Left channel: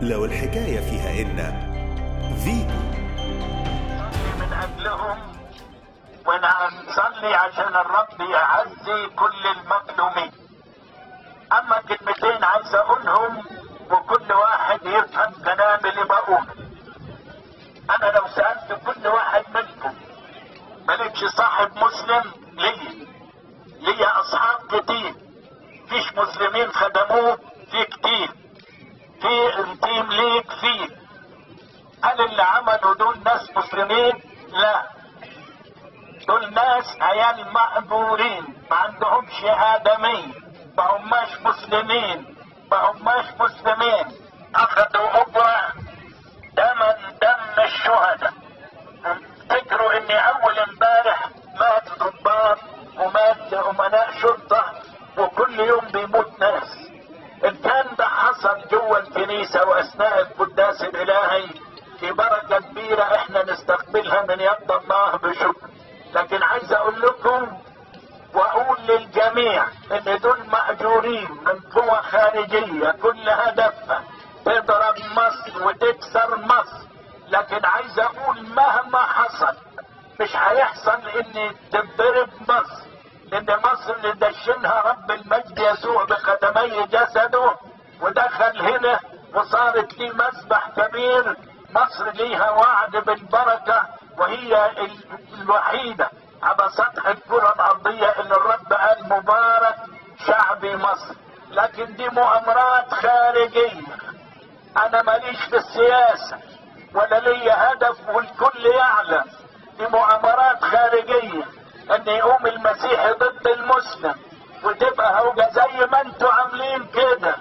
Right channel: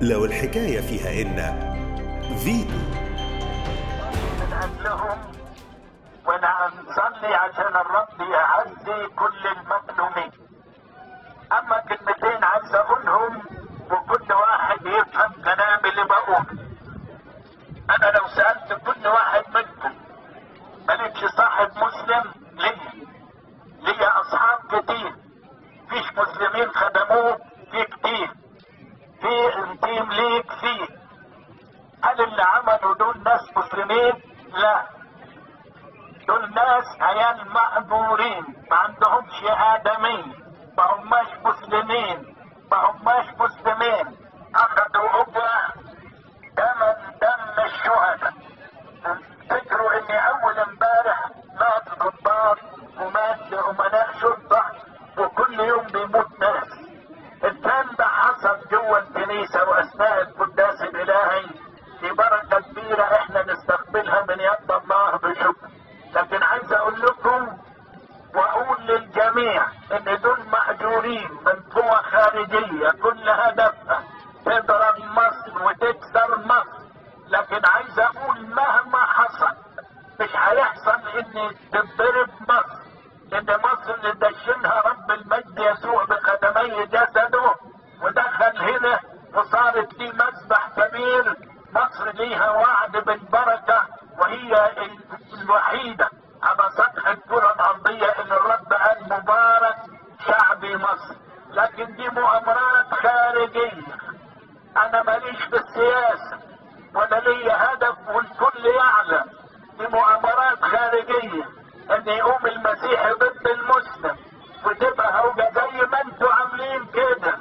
لو الحكاية فيها إن فيتو. ونصلي عشان الرب يعزي كل المظلومين. أما كلمتين عايز أقولهم وكل واحد يفهم كلامي اللي بقوله. أنا لو سألت كل واحد منكم مالكش صاحب مسلم ليا أصحاب كتير، فيش مسلمين خدموه ليه كتير، ليه التيم ليه كتير. هل اللي عملوا دول ناس مسلمين؟ لا، دول ناس عيال مقبولين ما عندهمش آدمية، ما هماش مسلمين، أخدوا أجرة دم الشهداء. فكروا إني أول امبارح مات ضباط ومات أمناء شرطة وكل يوم بيموت ناس. الكلام ده حصل جوه الكنيسة وأثناء القداس الإلهي في بركة كبيرة احنا نستقبلها من يد الله بشكر. لكن عايز أقول لكم وأقول للجميع إن دول مأجورين من قوى خارجية كل هدفها تضرب مصر وتكسر مصر. لكن عايز أقول مهما حصل مش هيحصل إن تضرب مصر، إن مصر اللي دشنها رب المجد يسوع بخدمي جسده ودخل هنا وصارت لي مسبح كبير. مصر ليها وعد بالبركة وهي الوحيدة على سطح الكرة الأرضية اللي الرب قال مبارك شعب مصر. لكن دي مؤامرات خارجية، أنا ماليش في السياسة ولا ليا هدف والكل يعلم. دي مؤامرات خارجية أن يقوم المسيح ضد المسلم وتبقى هوجة زي ما انتوا عاملين كده.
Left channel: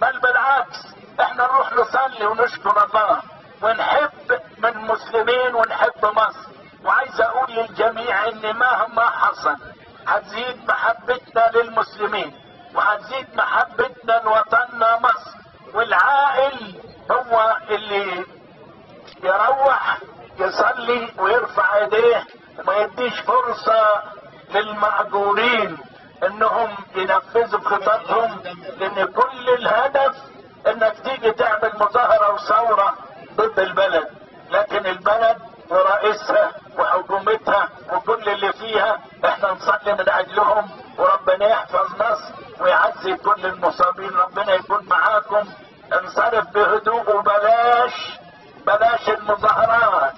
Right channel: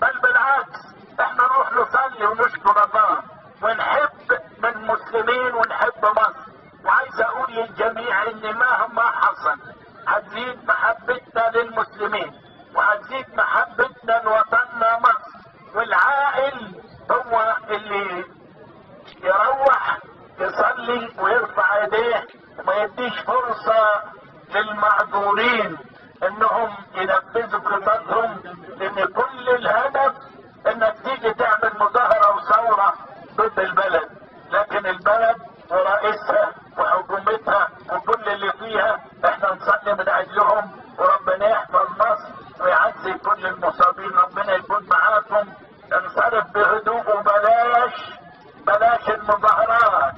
بل بالعكس احنا نروح نصلي ونشكر الله ونحب من المسلمين ونحب مصر. وعايز اقول للجميع ان مهما حصل هتزيد محبتنا للمسلمين وهتزيد محبتنا لوطننا مصر. والعاقل هو اللي يروح يصلي ويرفع ايديه وما يديش فرصة للمأجورين انهم ينفذوا خططهم، لان كل الهدف انك تيجي تعمل مظاهرة وثورة ضد البلد. لكن البلد ورئيسها وحكومتها وكل اللي فيها احنا نصلي من اجلهم وربنا يحفظ مصر ويعزي كل المصابين. ربنا يكون معاكم. انصرف بهدوء وبلاش المظاهرات،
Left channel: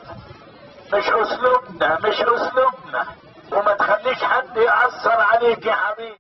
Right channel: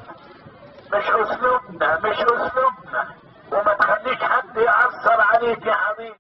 مش اسلوبنا وما تخليش حد يأثر عليك يا حبيبي.